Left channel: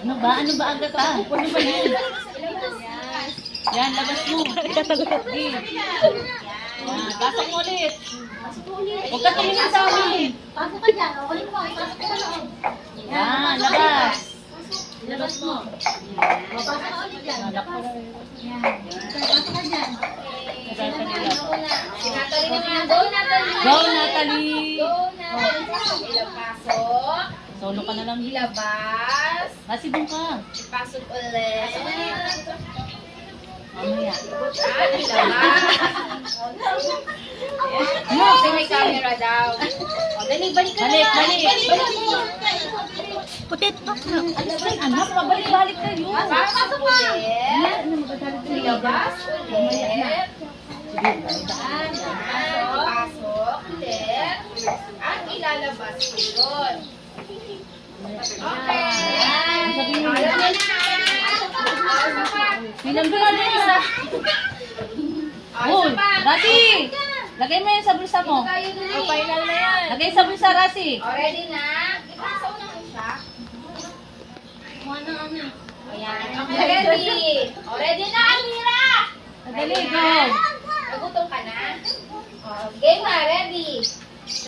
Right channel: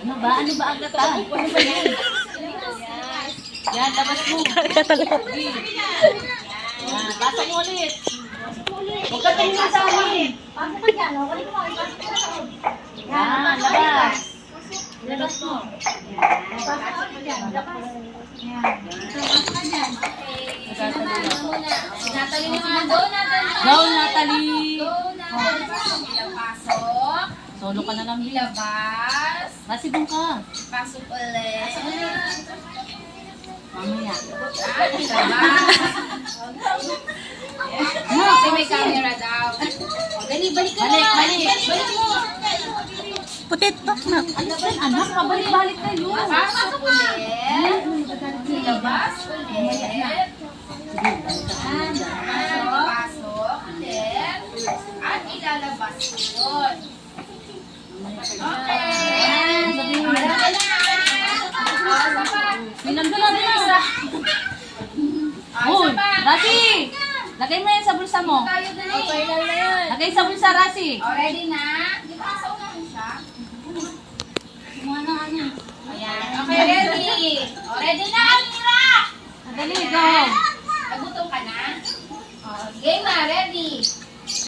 Ano ba? Ano ba agad ah? Ano ba yun? Yan, labas mo. Sige. Yan, pasok mo ulit. Huwag ka tumingin sa amin. Pasok ka dyan, o. Kunin mo, pasok ka na. Yan, labas. Labas mo. Pasok ka dyan. Malak pa lang. Pasok ka dyan. Natalie. Natalie naman. Go, Natalie. Go, Natalie. Go, Natalie. Pasok. Solo ka na lang. Ilabas. Kasi doon ka. Pasok ulit. Mamaya. Ilabas. No, kasi may camera daw. O, dali, balik ka Balik, na. balik. Balik mo. Putetok na. Alis yan, anak. Pabalik-balik kayo. Pasok ulit. Ilabas ulit. Pasok ulit. At ilalabas ko yun. Okay. Sabihin mo Dali na. na. Isa pa. Pinando natin isa. Uy, Isa pa. Rasi! Lagay mo yan sa bulsa mo. Tayo na eh. Final na yan. Lagay sa bulsa, Rasi. O, ready na? Di ba sa unahin siya? Kumuha na kami. Ayan. Okay, ready. O, ready na, Almira! Madali, go. Nagutom ka na? O, game na, ready.